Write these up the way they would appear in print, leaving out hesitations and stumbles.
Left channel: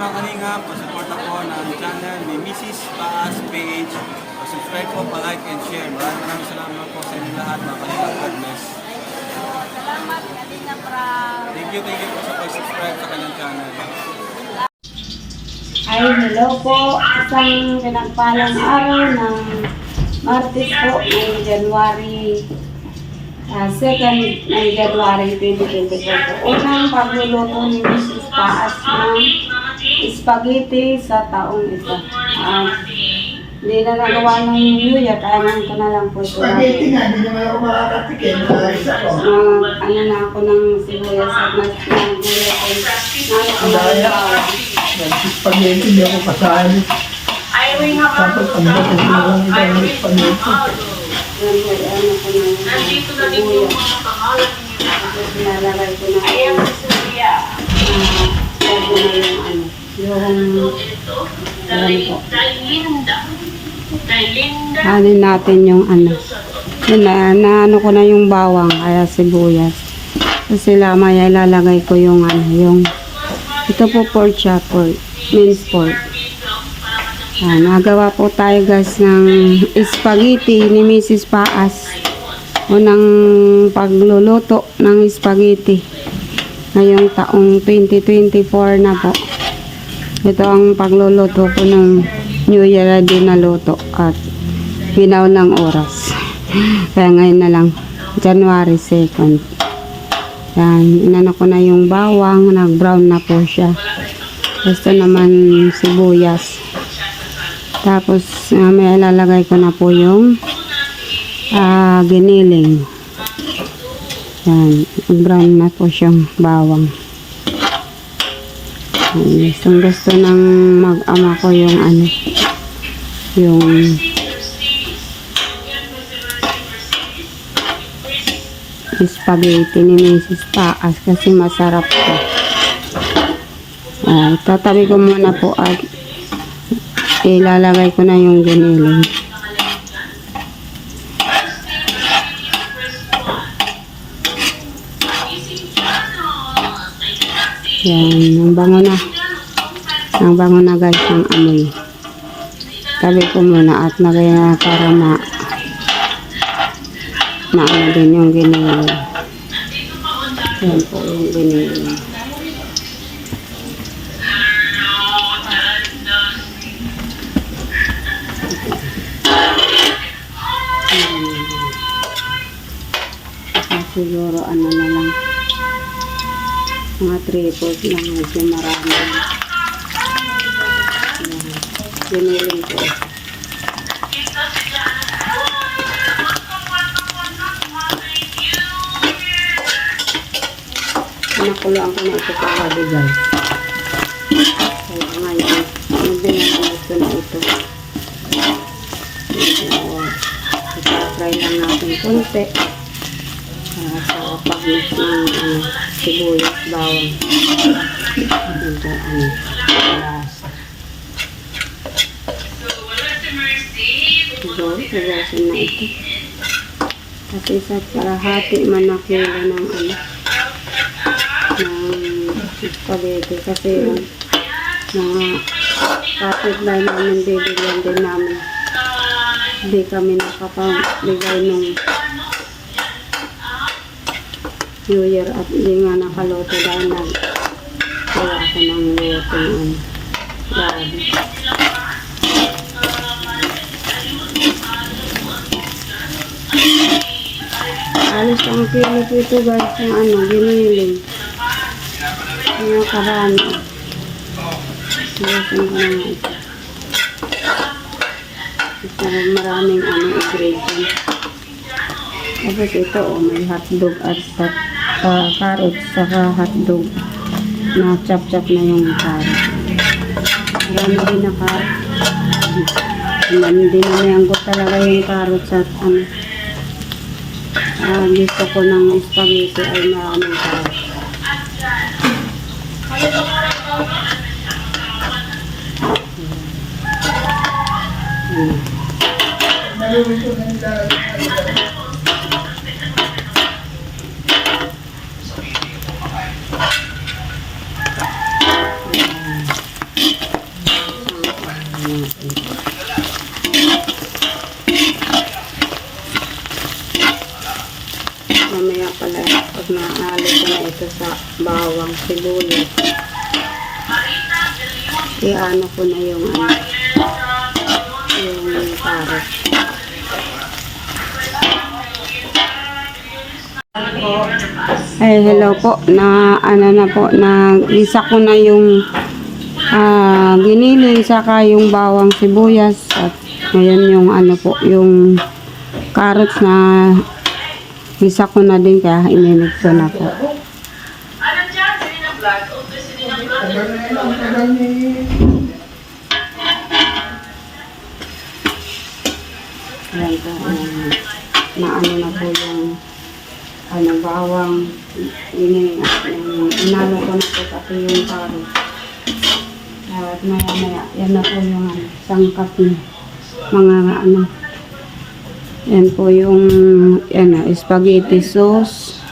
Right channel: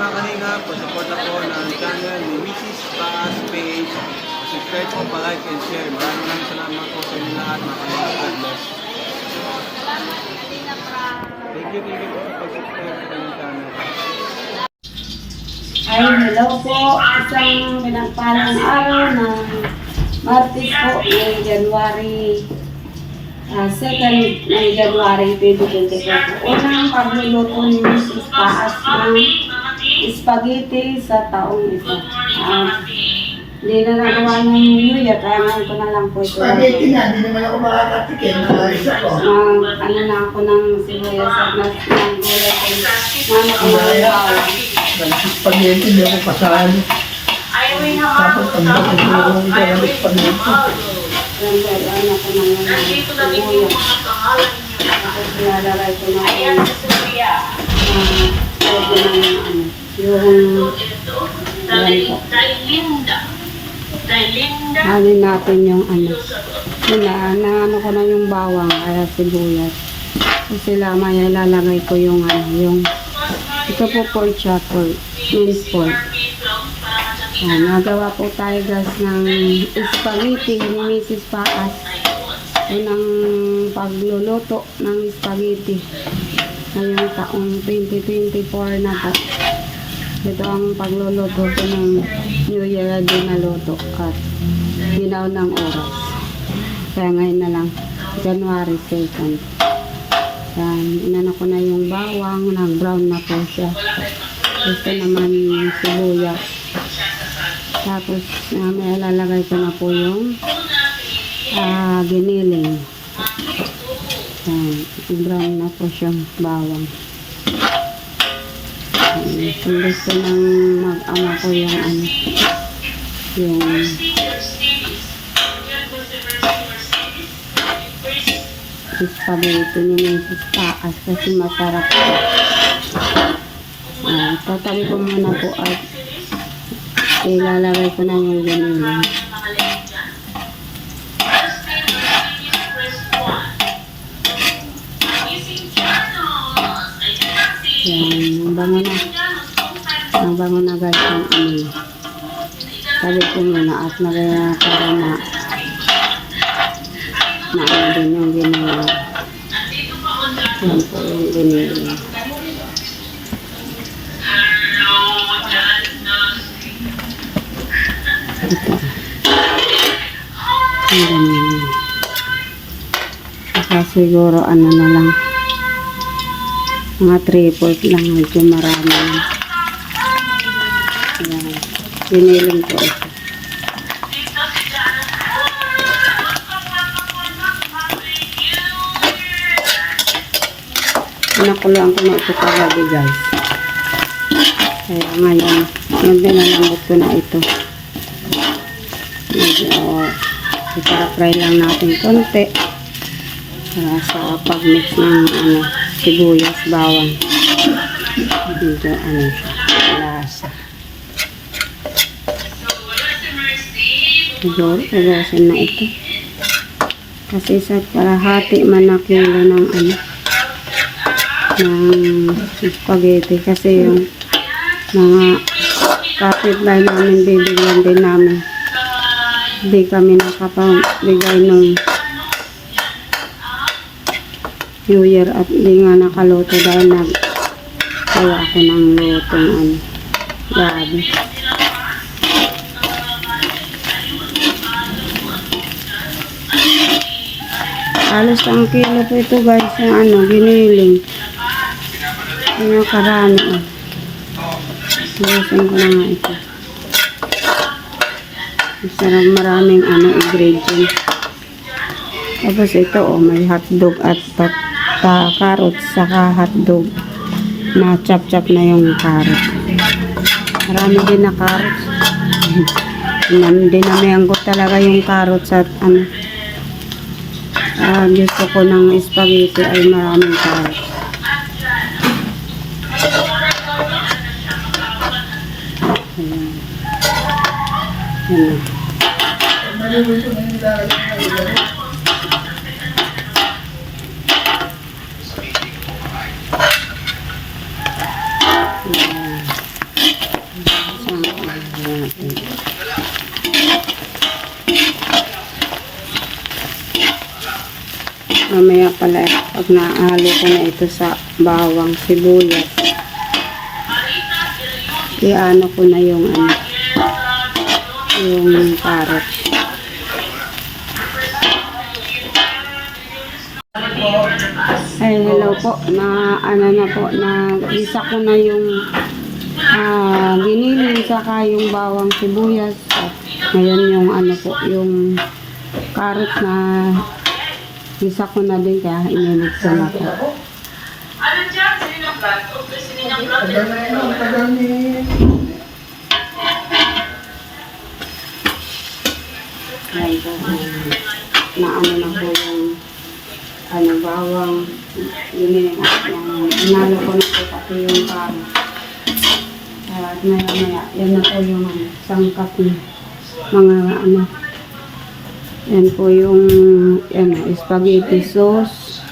mga kanina, support ako ng channel ni Mrs. Taas Page. Subscribe po, pa-like and share. Maraming salamat po sa inyo lahat, mga kanina. God bless. Salamat, Kalina Pra. Thank you po sa pag-subscribe sa kanyang channel. Ay, hello po. Isang pinagpalang araw ng Martes po ngayong January 2nd ng January 2024 po. Unang pagluluto ni Mrs. Paas ng spaghetti sa taong ito. Hindi na nagawa ng New Year, kaya ngayon ko na lang po ito. Spaghetti nga, hindi naman ako makakatikin. Ano na ako ng sibuyas at ng gulay ay nano ko ng bawang. Spaghetti, hindi ako kasali. Tapos ang dapat ko ng spaghetti. Yung ano ko ng sibuyas. Tapos nilalagay ko na yung Hanin natin yung ano. Ano ko na yung bawang, kaya sibuyas. Kasi lamay ilalagay ko yung yung ito po pork chop, minced pork. Nagawa po tayo guys ng spaghetti ni Mrs. Paas. Unang pagluluto ng spaghetti ngayong taong 2024 na po. Ito ang pagluluto ko ng New Year na dinaluto at binaw ng oras. Kaya ngayon na lang, January 2nd. Yan, inano ko na yung bawang, nag-brown na po siya. Gusto naman sibuyas. Tapos, may ilalagay ko na po yung giniling. Yan, brown na po siyang bawang. Gusto ng mag-ama ko yung yung spaghetti ni Mrs. Paas kasi masarap po. Tatabi ko muna po at ilalagay ko na yung giniling. Yan, ang bango na guys yung amoy. Tabi ko muna at nagaya para na ano din yung giniling. Yan po yung giniling. Saka siguro ano na lang, mga 3/4 lang, medyo marami. Giniling ko ito. Nakuloan ko na ito kagabi guys. Kaya ngayon, nagdinalamot ko na ito. Ipapry lang natin konti para sa pag-mix ng sibuyas, bawang. Dito lasa. Siguro, ugasan na ito. Kasi sa kalahati man na kilo ng ng spaghetti kasi yung mga kapitbahay namin bibigyan din namin. Hindi kami nakapabigay nung New Year at hindi nga nakaluto dahil nagkaya ako ng lutong grabe. Alos ang kilo po ito guys yung giniling. Kaya karami Lusin ko na nga ito. Sarap, maraming ingredients. Tapos ito may hotdog at carrots saka hotdog na chop-chop na yung carrot. Marami din na carrots. Dinamihan ko talaga yung carrots at gusto ko ng spaghetti ay maraming carrots. Mamaya pala, pag naahalo ko na ito sa bawang sibuyas, iano ko na yung yung carrot. Ay, hello po. Na isa ko na yung giniling saka yung bawang sibuyas at ngayon yung yung carrots na isa ko na din kaya ininit ko na po. Ayan po, na na po yung bawang giniling at yung inalo ko na po pati yung carrots. At mamaya, yan na po yung sangkap ng mga yan po yung spaghetti sauce.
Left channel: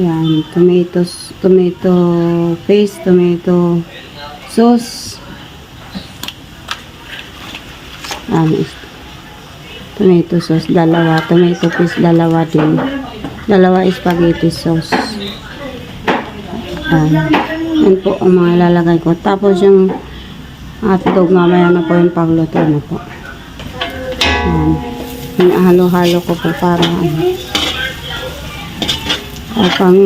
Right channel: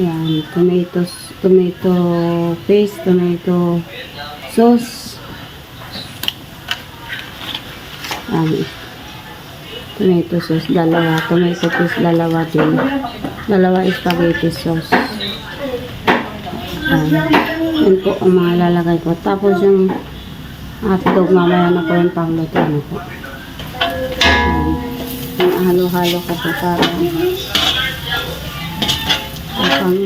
Yan, tomato paste, tomato sauce. Tomato sauce, dalawa. Tomato paste, dalawa din. Dalawa spaghetti sauce. Yan po ang mga ilalagay ko. Tapos yung hotdog mamaya na po yung pagluto na po. Halo-halo ko po para kapag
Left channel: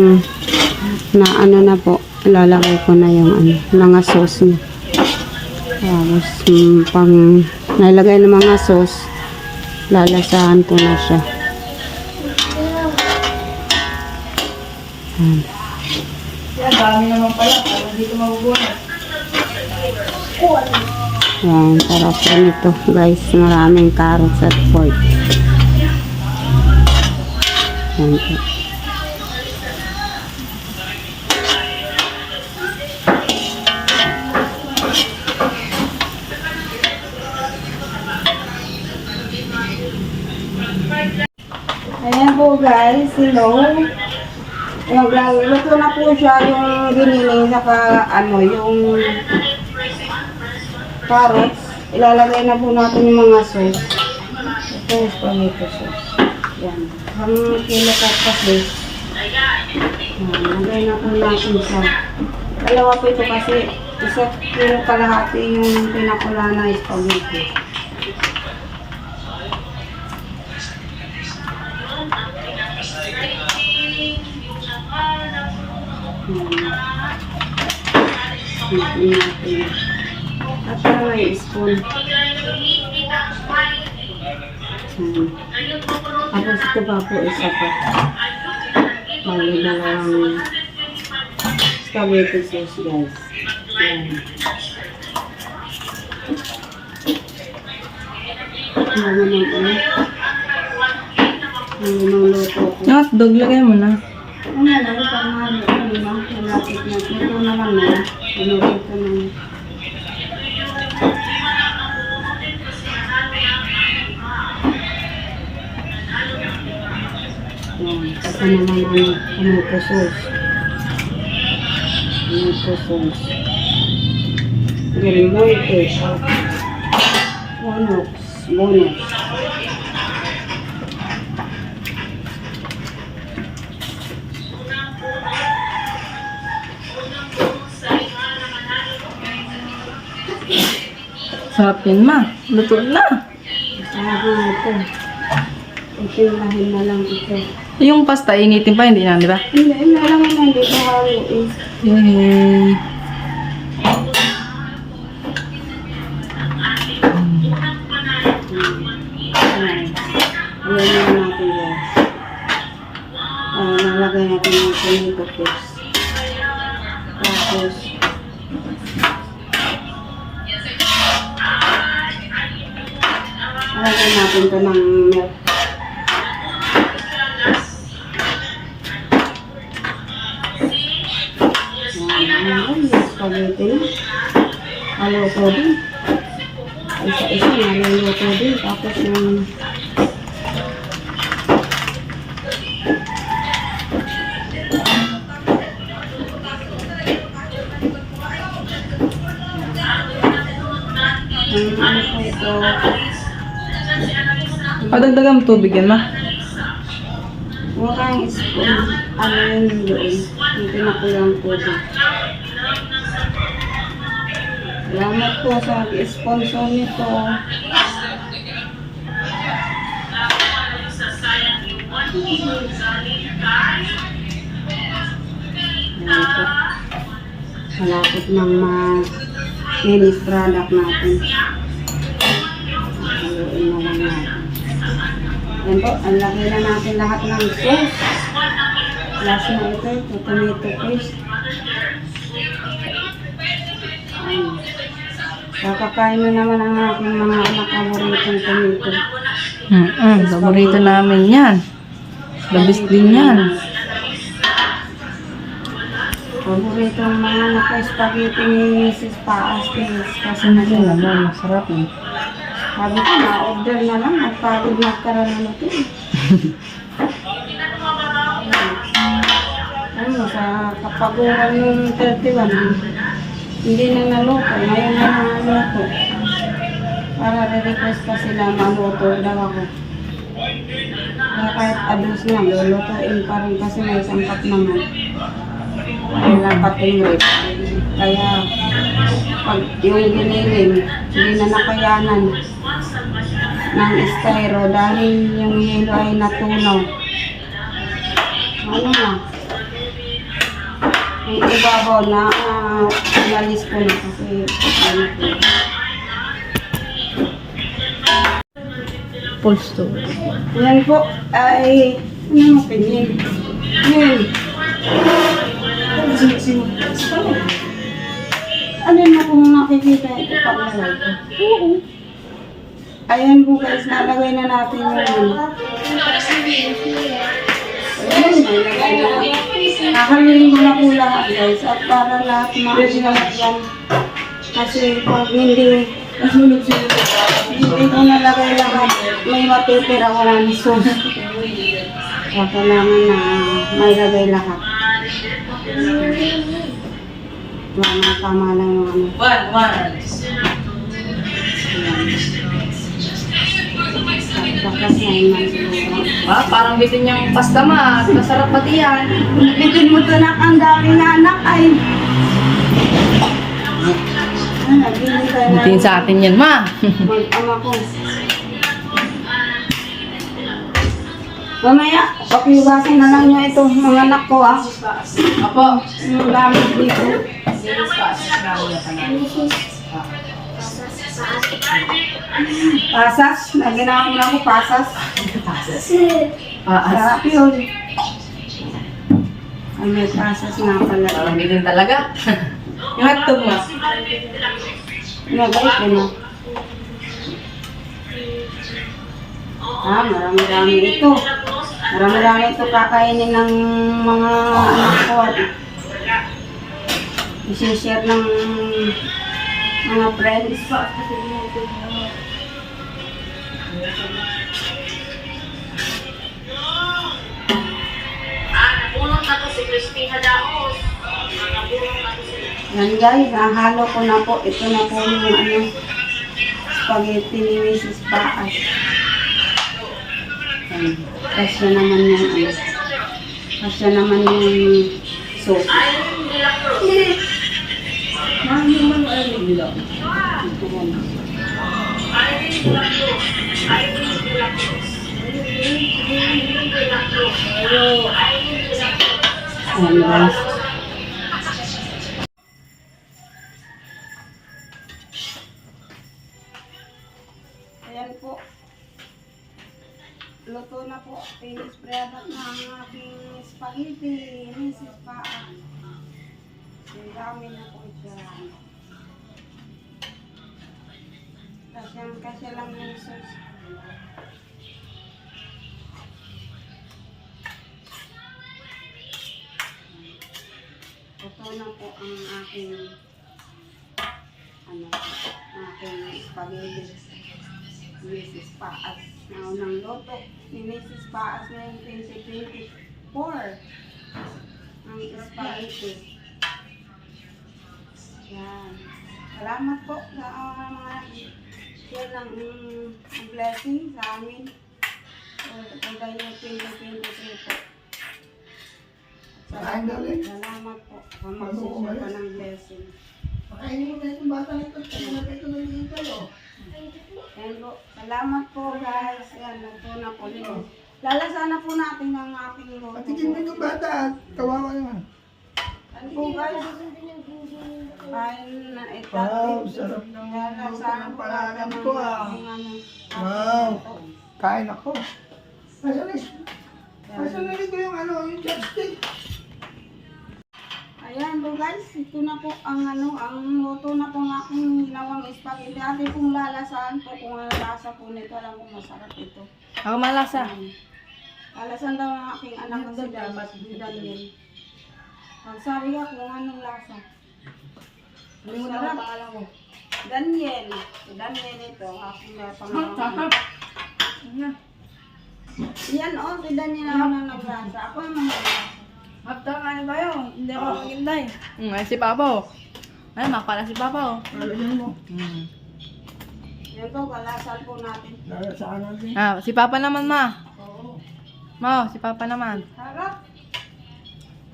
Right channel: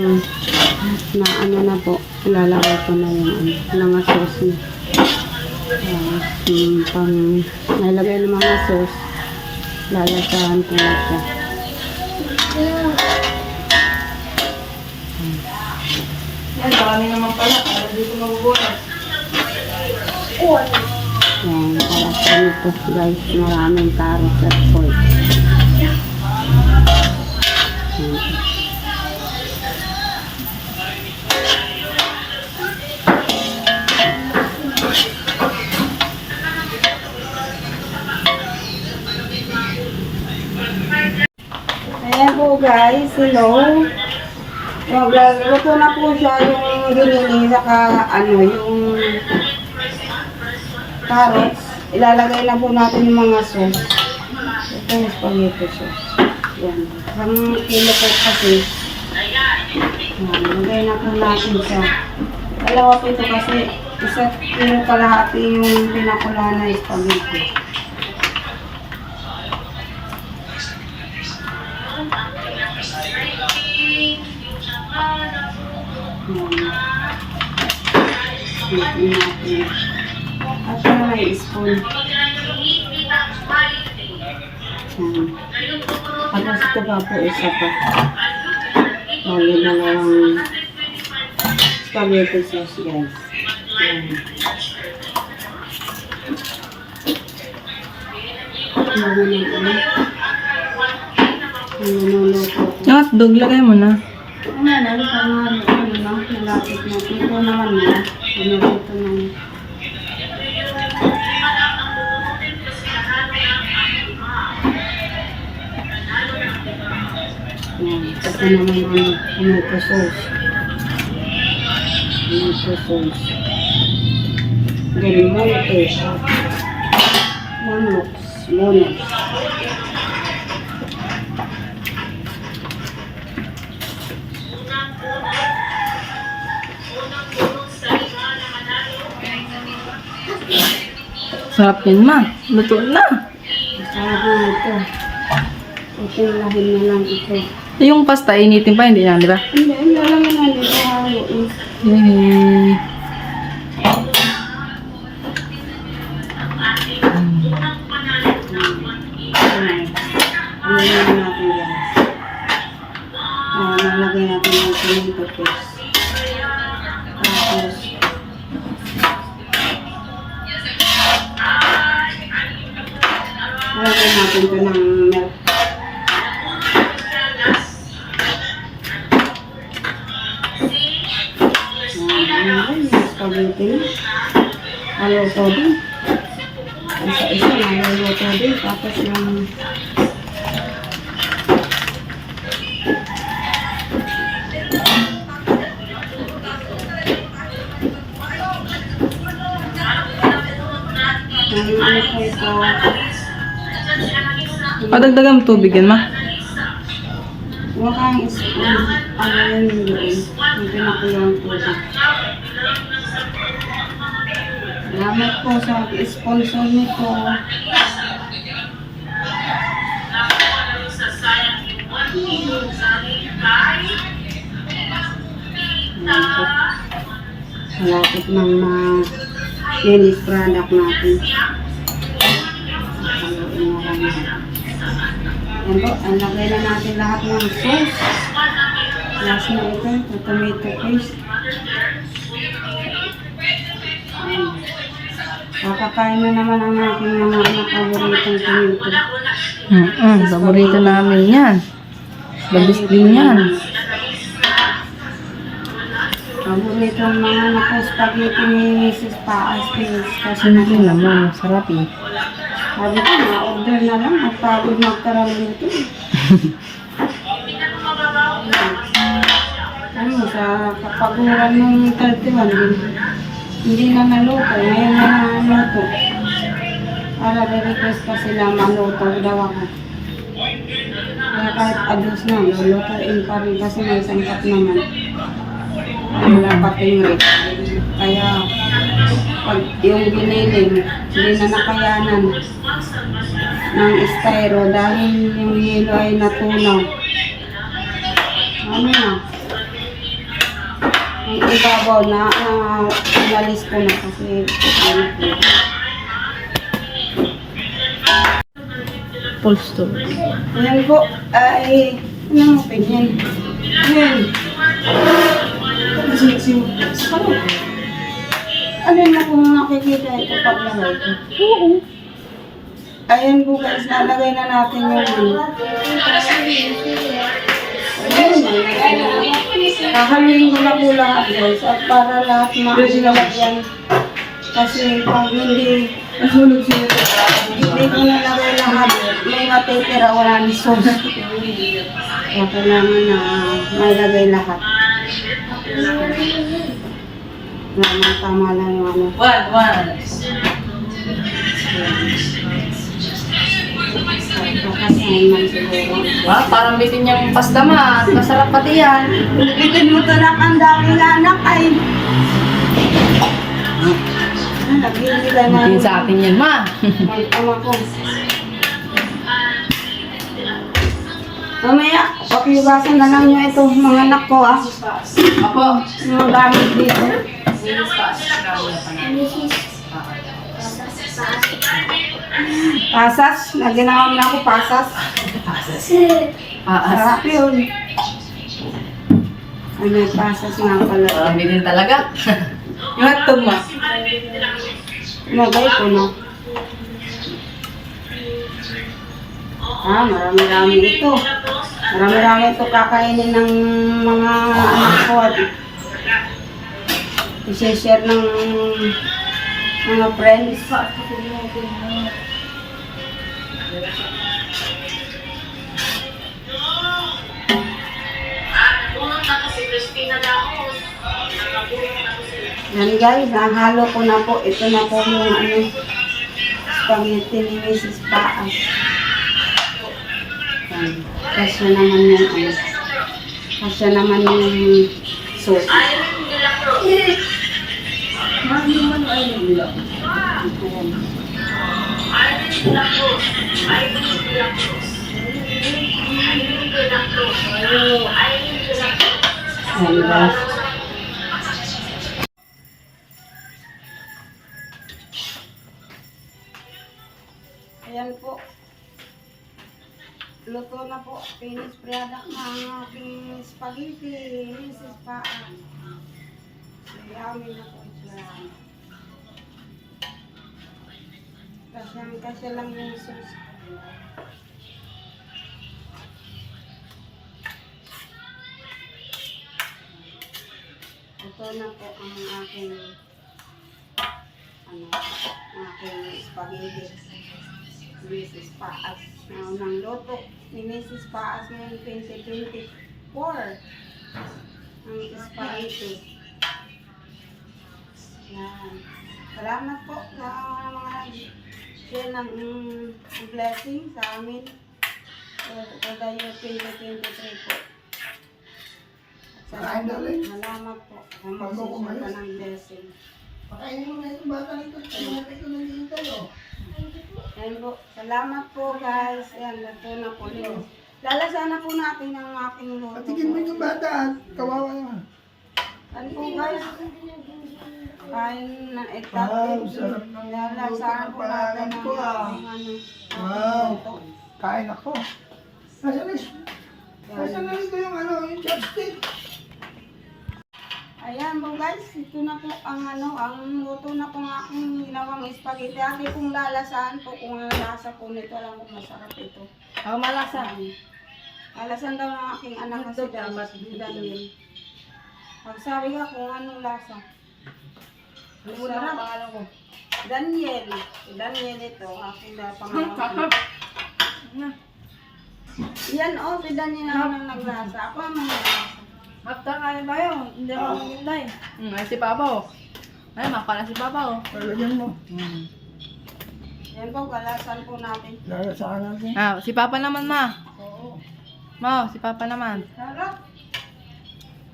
na po, ilalagay ko na yung mga sauce na. Tapos pag nalagay ng mga sauce, lalasahan ko na siya. Dami naman pala. Para dito mabubuhay. Yan, para po nito guys, maraming carrots at pork. Yan po. Ayan po guys, hello. Luto na po siya yung giniling saka yung carrots. Ilalagay na po natin yung mga sauce. Ito yung spaghetti sauce. Yan. Isang kilo po kasi. Yan. Lagay na po natin siya. Dalawa po ito kasi. Isa kilo kalahati yung pinakula na spaghetti. Natin. At para may spoon. Tapos ito pa po isa pa. Bali dalawang spaghetti sauce guys. Yan. Niluluto ko. Hotdog, lagay mo na. Lalo pa nga, malapit na. Ito naman na. Niluluto na niya. Ito naman ang tomato sauce. Tomato sauce. Del Monte. Bonus. Sarapin ma. Luto na. Ito. Itinlahin na lang ito. Yung pasta, initin pa, hindi na, di ba? Hindi. Alam mo na, dito haluin. Yay. Ayan natin guys. Nalagay natin yung tomato paste. Tapos, nalagay natin ito ng milk. Spaghetti. Haluto din. Isa-isa naluluto din. Tapos yung ano po ito? Padagdagan mo tubig yan ma. Huwag kang spoon. Ano yun doon? Yung pinakulang po ba? Salamat po sa sponsor nito. Ayan po. Malapit ng mga finished product natin. Haluin na lang natin. Ayan po, ang lagay na natin lahat ng sauce. Last na ito, ito tomato paste. Ayan. Kakakain na naman ang aking mga anak paboritong tomato. Paborito namin yan. Labis din yan. Paborito ang mga anak ko, spaghetti ni Mrs. Paas. Kasi Hindi naman, sarap eh. sabi ko, na-order na lang. Magpagod magkaralo ito. Ano, sa kapaguran ng 31, hindi na naluto. Ngayon na naluto. Para re-request pa sila maluto daw ako. Kaya kahit adus na, lulutuin pa rin kasi may sangkap naman. Kaya pating rate. Kaya pag yung giniling, hindi na nakayanan ng styro dahil yung yelo ay natunaw. Ano na? Yung ibabaw na inalis ko na kasi ano po. Full store. Ayan po, ay, ano mo pinyin? Ayan. Ano na kung nakikita ito pag nalay ko? Oo. Ayan po guys, nalagay na natin yung nakaluin ko na po lahat guys at para lahat maulalat yan. Kasi pag hindi ko nalagay lahat, may matitira wala ni sauce. Kaya kailangan na may lagay lahat. Tama lang yung ano. One. Kakasahin man siguro. Parang bitin niya yung pasta ma. Masarap pati yan. Bitin mo tanak ang daming anak ay. Nabili ka na. Bitin sa atin yan ma. Mag-ama ko. Mamaya, pakiugasan na lang nyo ito, mga anak ko ah. Apo. Mga gamit dito. Pasas, naginawag na ako pasas. Sarap yun. Ay, may pasas na pala. Parang bitin talaga. Yung hotdog ma. Nagay ko na. Marami-rami ito. Marami-rami ito kakainin ng mga anak ko at i-share ng mga friends. Yan guys, nahalo ko na po. Ito na po yung ano, spaghetti ni Mrs. Paas. Kasya naman yung ano. Kasya naman yung sauce. Ayan guys. Ayan po. Luto na po. Finished product na ang aking spaghetti. Mrs. Paa. So, yummy na po ito. Kasya lang yung sauce. Ito na po ang aking spaghetti. Mrs. Paas. Na unang luto ni Mrs. Paas ngayong 2024. Ang spaghetti. Yan. Salamat po sa mga share ng blessing sa amin. For the year 2023 po. Kain na ulit. Salamat po. Bago Magsisip kumain. ka ng blessing. Pakainin mo na itong bata nito. Tayo natin ito ng hintay, oh. Yan po. Salamat po guys. Yan, ito na po. Lalasan na po natin ang aking luto. Patigin mo itong bata at kawawa naman. Ano po guys? Kain na ito. Wow, sarap ng luto Lalasan ng po natin palagan ang ko, ah. aking ano. Wow. luto. Kain ako. Nasaan na rito yung ano, yung chopstick? Ayan po guys, ito na po ang ano, ang luto na po ng aking ginawang spaghetti. Ate pong lalasan po kung ano lasa po nito. Alam ko masarap ito. Ako malasa. Lalasan daw ng aking anak kasi Daniel. Pag sabi ka kung anong lasa. Limutan ko pangalan ko. Daniel. Si Daniel ito, aking pangalan. Yan o, si Daniel ang naglasa. Ako ang naglasa. After kain tayo. Hindi ako magintay. Ay, si Papa. Ay, makala si Papa. Lalagyan mo. Yan po, kalasan po natin. Lalasaan natin. Ah, si Papa naman, ma. Oo. Ma, si Papa naman. Sarap.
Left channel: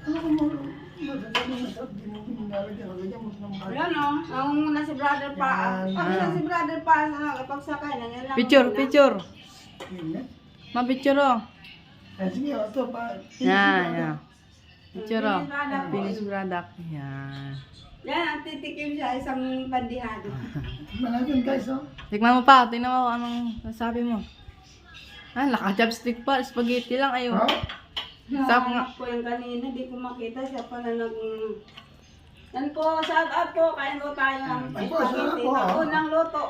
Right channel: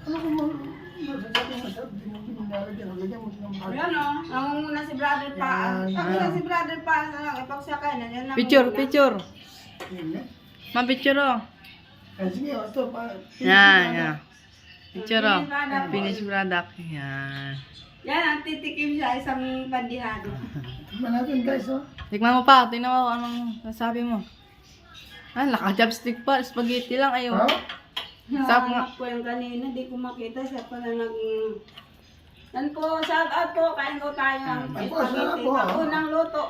Ano kung masarap na masarap, di mo pinalagyan. Lalagyan mo ng bata. Ayan o, nangunguna si Brother Paas. Yan. Sabi na si Brother Paas na ipagsakay na yan lang. Picture, muna. picture. Yun, eh. Ma, picture oh. Sige, o, ito pa. Yan, yan. Picture oh. Finished product po. Finished product. Yan. Yan, ang titikim siya, isang bandihado. Tignan natin guys, oh. Tikman mo pa. Tingnan mo anong sasabi mo. Ah, naka-chopstick pa. Spaghetti lang. Ayaw. Oh, Sarap nga. Nahanap ko yung kanina, di ko makita. Siya pala Yan po, shout out po. Kain po tayo ng Ay, po, spaghetti. sarap po, ah. Pag-unang luto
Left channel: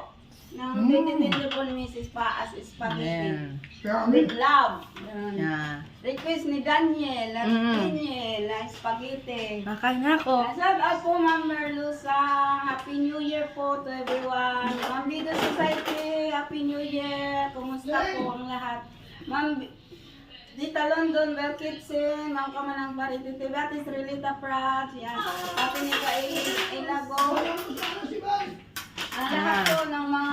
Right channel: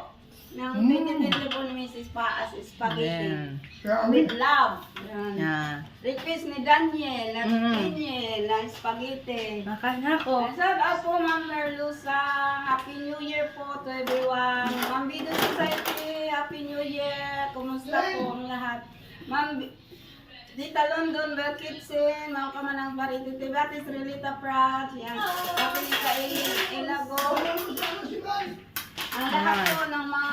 ng 2020 po ni Mrs. Paas spaghetti. Yan. kaya With love. Yan. Yan. Request ni Daniel, at Mm. Daniel, na spaghetti. Nakain na ako. Shout out po Ma'am Merlusa. Happy New Year po to everyone. Ma'am Video Society, Happy New Year. Kumusta po ang lahat? Ma'am Dita London, Bell Kitchen, Ma'am Kamanang Parito, Tibatis, Relita Prats, yan. Happy Nika Ilago. Ang lahat po ng mga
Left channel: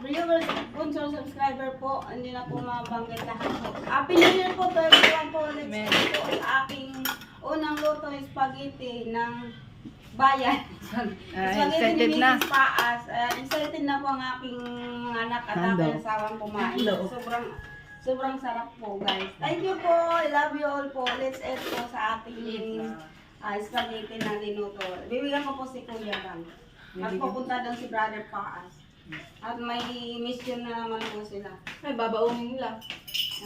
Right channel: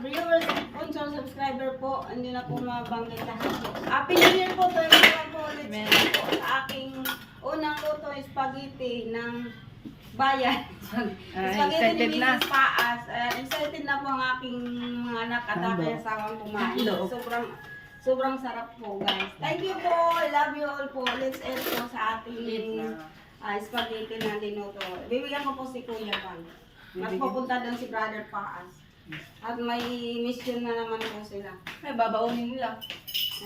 viewers, sponsor, subscriber po, hindi na po mabanggit lahat po. Happy New Year po to everyone po. Let's go po sa aking unang luto spaghetti ng bayan. Spaghetti excited ni na. Mrs. Paas. Excited na po ang aking mga anak at aking asawang kumain. Sobrang sarap po guys. Thank you po. I love you all po. Let's eat po sa ating spaghetti na linuto. Bibigyan ko po si Kuya Bang. Magpupunta doon si Brother Paas. At may mission na naman po sila. Ay, babaunin nila.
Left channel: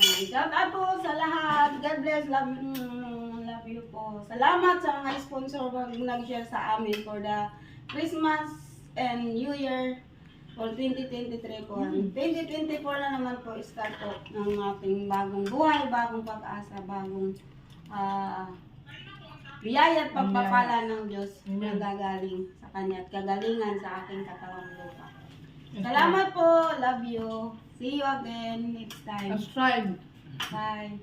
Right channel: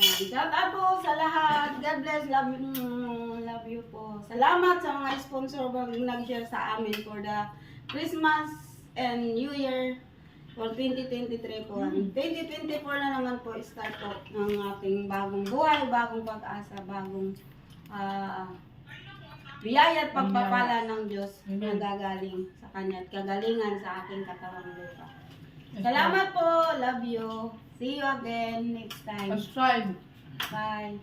Shout out po sa lahat. God bless. Love you po. Salamat sa mga sponsor na nag-share sa amin for the Christmas and New Year for 2023 po. 2024 na naman po start po ng ating bagong buhay, bagong pag-asa, bagong biyaya at pagpapala ng Diyos na gagaling sa Kanya at kagalingan sa aking katawang lupa. Salamat po. Love you. See you again next time. Subscribe. Bye.